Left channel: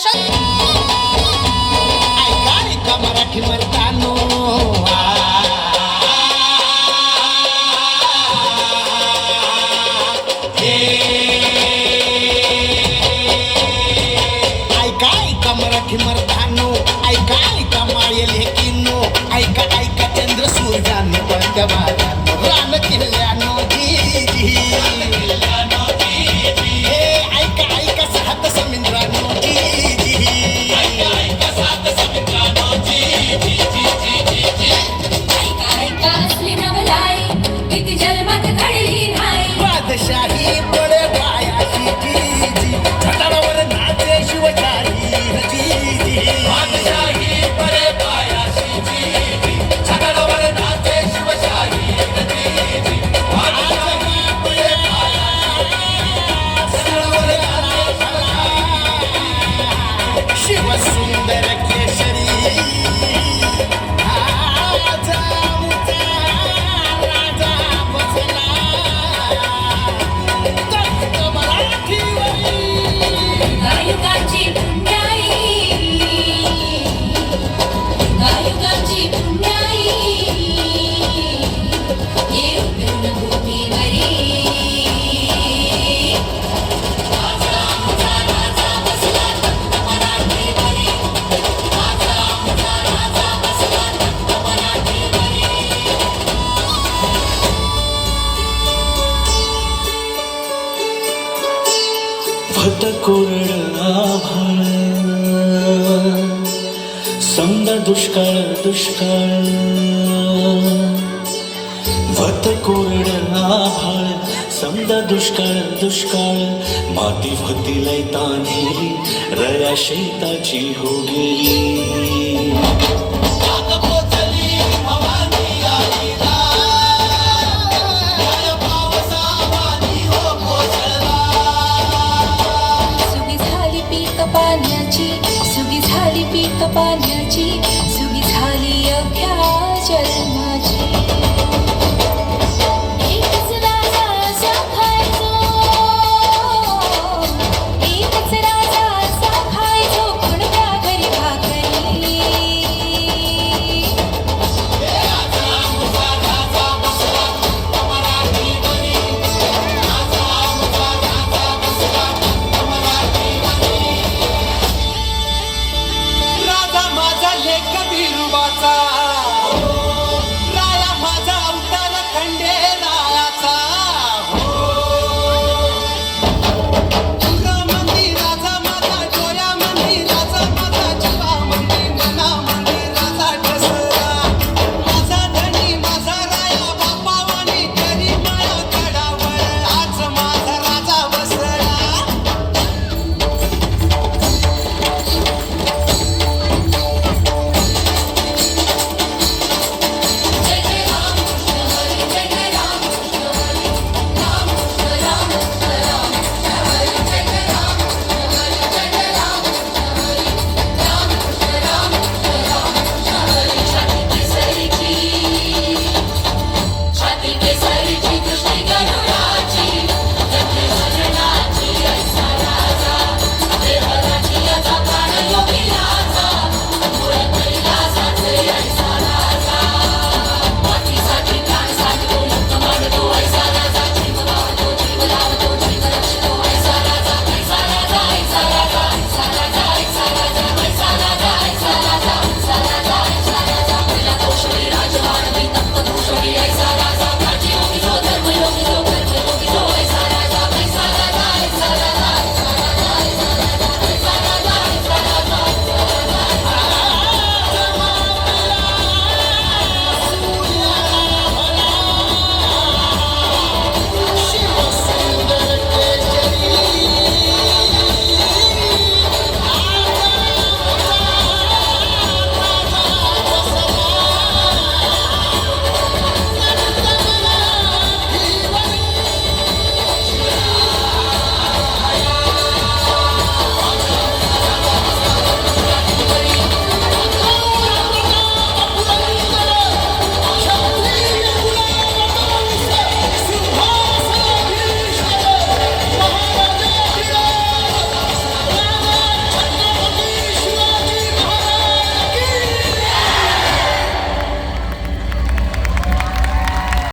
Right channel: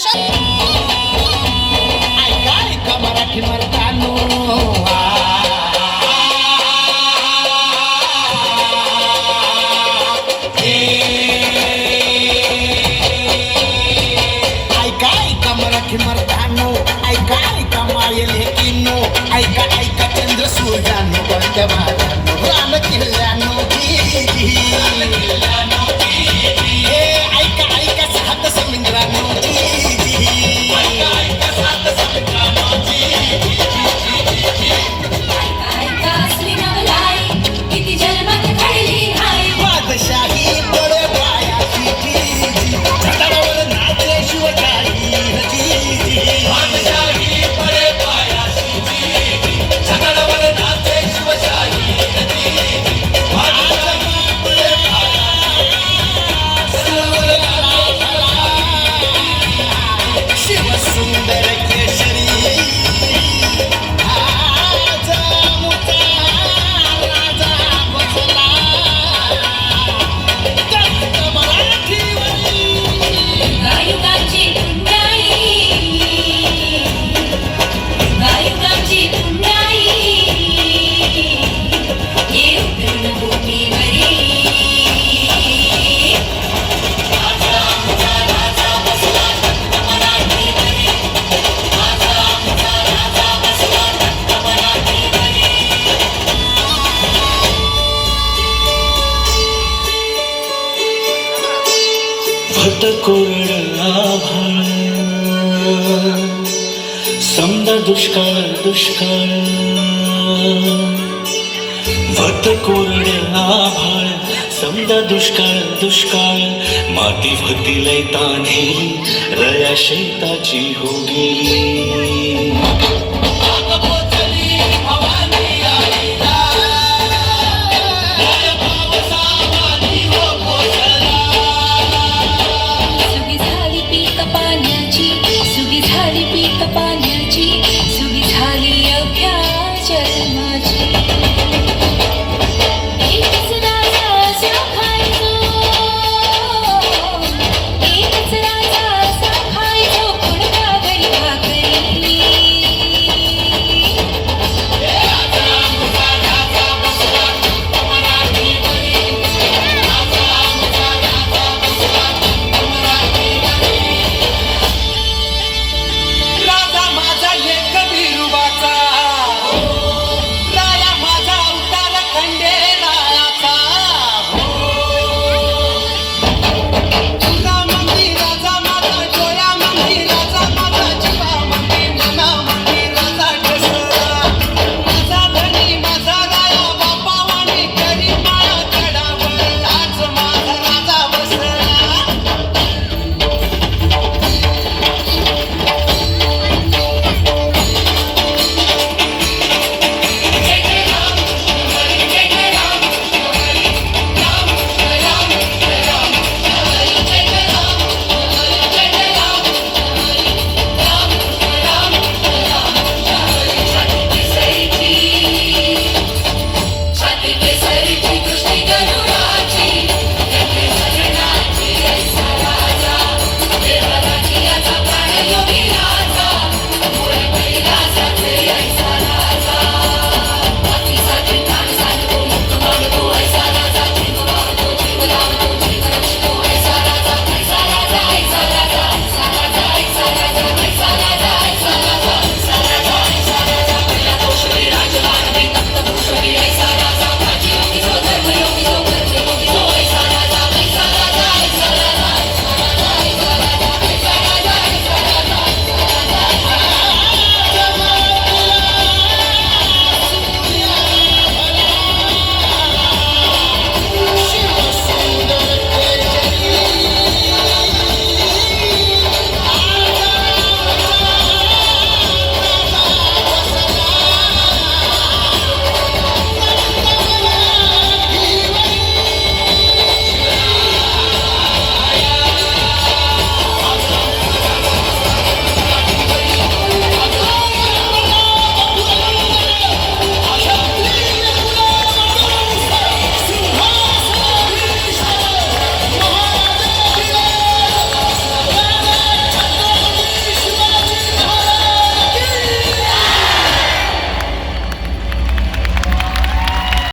ऐका ऐका मराठी मर्दानो, ऐका ऐका मराठी मर्दानो, ऐका ऐका मायल हे किन्नो, ऐका ऐका चंद्र सूर्यानो, कोणत्या भागानो रान किल्ल्यानो हे ऐका ऐका सात समुद्रानो बादशाही बडे पायाची छताडावर नाचे शिवशाही बादशाही बडे पायाची छताडावर नाचे शिवशाही बादशाही बडे पायाची शिवसुंदर केशरी कोरड आभाळ समजा दुष्काळ दुष्काळ भट कोरड आभाळ समजा दुष्काळ दुष्काळ माती भतीलय तान्हेली रया शेताची हो गेली सुगी झाली पीक पाण्याची